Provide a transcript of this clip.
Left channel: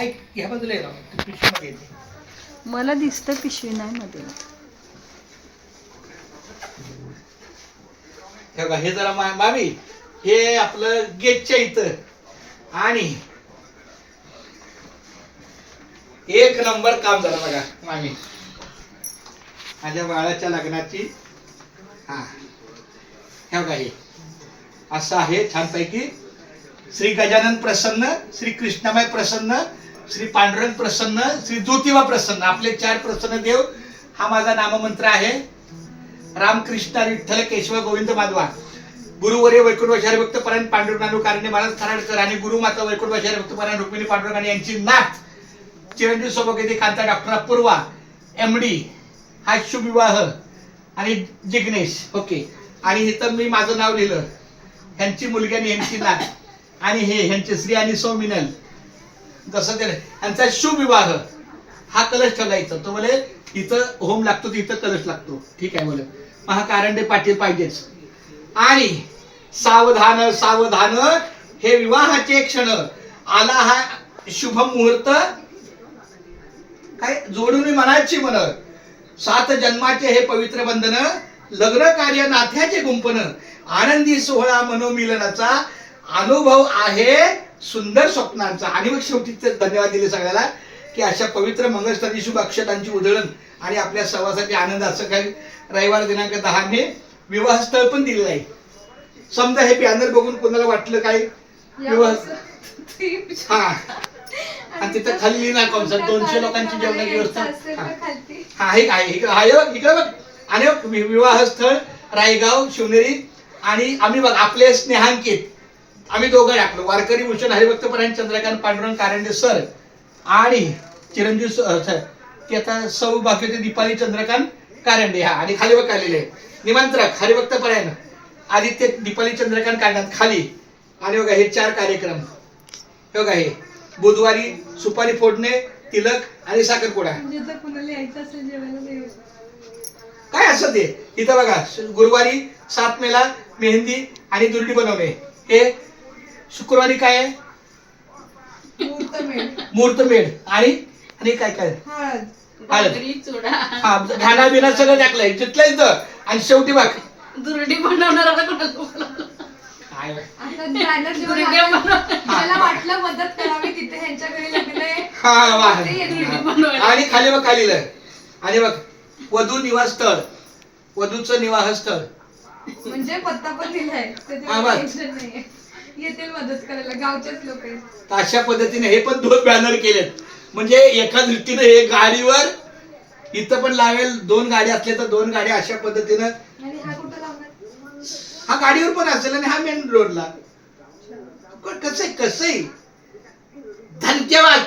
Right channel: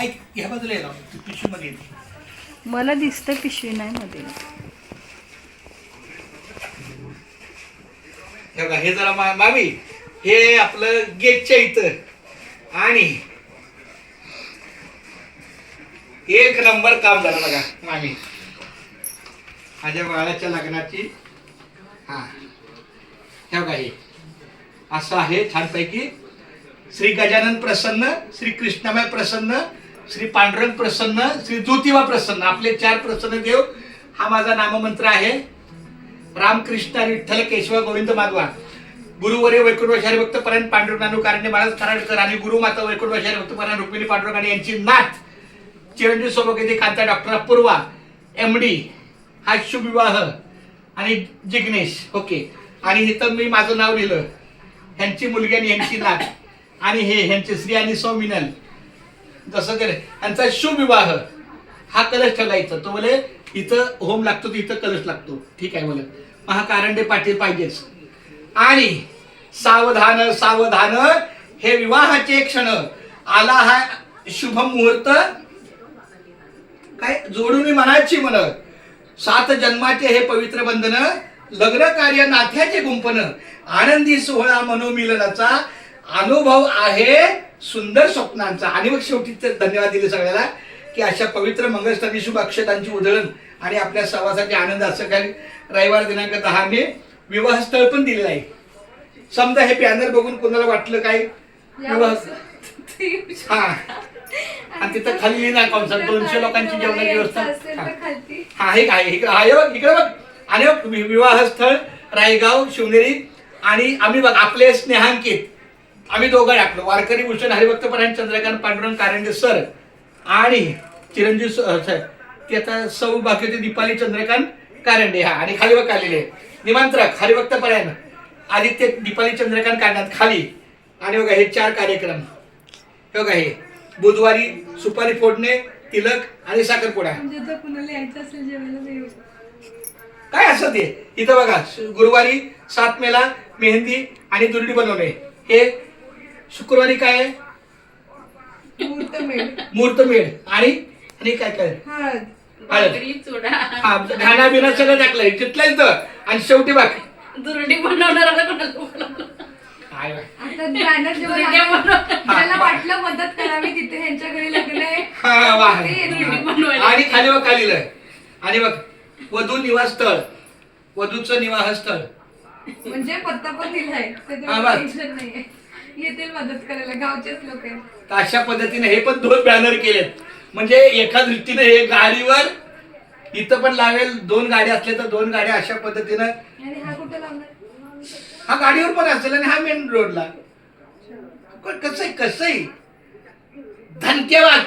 ऐक ह्या बाजूला आहे ना पिशवीमध्ये येते. मला दिसतं पिशवी नाही मध्ये. हे बघा, हे जरा मामी हे आपलं गेटच्या इथं आणि एक नंबर काम झालं बघा मामी माझ्या बाळाच्या लग्नाची. हा हे बघा, हे असं आहे छानपैकी. श्री गजानन प्रसन्न, श्री कृष्णमय प्रसन्न, श्री पांडुरंग प्रसन्न, श्री ज्योतिबा प्रसन्न, आपले 4 प्रसन्न देव. हा माझा नाममंत्र आहे. रामकृष्ण विठ्ठल केशव गोविंद माधवा. गुरुवर्य वैकुंठवाचार्य भक्त परायण पांडुरंग नानूकारण्य महाराज कराडकर आणि गुरुमाता वैकुंठवाचार्य भक्त परायण रुक्मिणी पांडुरंग यांची नाथ चिरंजीव सौभाग्यवती कांता डॉक्टर अपूर्वा MD हा शुभ विवाह आणि जिग्नेश. ओके. आणि इथं मी माझं नाव लिहिलं. ह्यांची मुलगी आणि ह्यांची नाथ आणि हे ह्यांचे श्री आणि सौमिनल. जसं ते ह्यांचा शुभ विवाह. हा कलश ठेवला इथं. तो बोले इथं होम लागतो तर इथं कलश लागतो. ठीक आहे बोले. हा कारंडे पाटील पाहिजेच. आणि सावधान सावधान हे विवाहाचे क्षण आला हा शुभ मुहूर्त. काय जोडून म्हणायची म्हण 7 जन्माचे हे पवित्र बंधन लग्न कार्य नाथ्याचे गुंपन आनंदी सोहळा मनोमिलनाचा अनुभव आहे सुंदर स्वप्नांचा. आणि मग शेवटी धन्यवाद दिले सगळ्याला की अशा पवित्र मंगळस्थळी शुभ अक्षतांची उधळण आणि आपल्या सहवासाची आनंद. असं काही रविवार दिनांक 10 मे विवाहस्थळ पण दिलेलं आहे. समजा हे बॅनर बघून कोणाला वाटलं काय विवाह हा आणि तिथं खाली ना कॉन्सर 200 लोकांची जेवणाची व्यवस्था. हा हे काय इकडे बघ. आणि विवाहस्थळ रायगाव शिवनेरी. आणि आम्ही बघ आपले स्नेहांकित आम्ही दोघं टाकलो. वारकरी भूषण हरिभक्त परायण चंद्रकांत पांडुरंग कारंडे सर आणि चिरंजीव ते आता सौभाग्यवती दीपाली चंद्रकांत कारंडे. हा आणि खाली बघ आलेले निमंत्रक हरिभक्त परायण आदित्य दीपाली चंद्रकांत कारंडे खाली. आणि बघा हे 4 कार्यक्रम. बघा हे बुधवारी सुपारी फोडणे तिलक आणि साखरपुडा. काय असं ते इथं बघा. गुरुवारी 7 मेला मेहंदी आणि दुर्डी बनवणे. हे शुक्रवारी काय आहे मुहूर्तमेढ आणि आणि काय काय हा घाना बिना सगळं टाकलंय तिथलं इथं. आणि शेवटी बाकी दुर्डी बनवणार मदत करावी तिथे ह्यांच्या घरी लग्न आहे. आणि खाली बघ खाली आणि बघ वधू निवासस्थळ वधूचं निवासस्थळ म्हणजे पत्ता पण दिलाय टेन्शन नाहीये. येतील मदत करायला गावचेच लोक आहेत. अशा पद्धतीने हे पण 2 बॅनर केलेत. म्हणजे एका दृष्टीने हे गाडीवर इथं पण लावेल. 2 गाड्या असल्या तर 2 गाड्या अशा पद्धतीनं. आणि हा कुठे लावणार? हा गाडीवर पण असेल आणि हा मेन रोडला. कसं आहे धन्यवाद.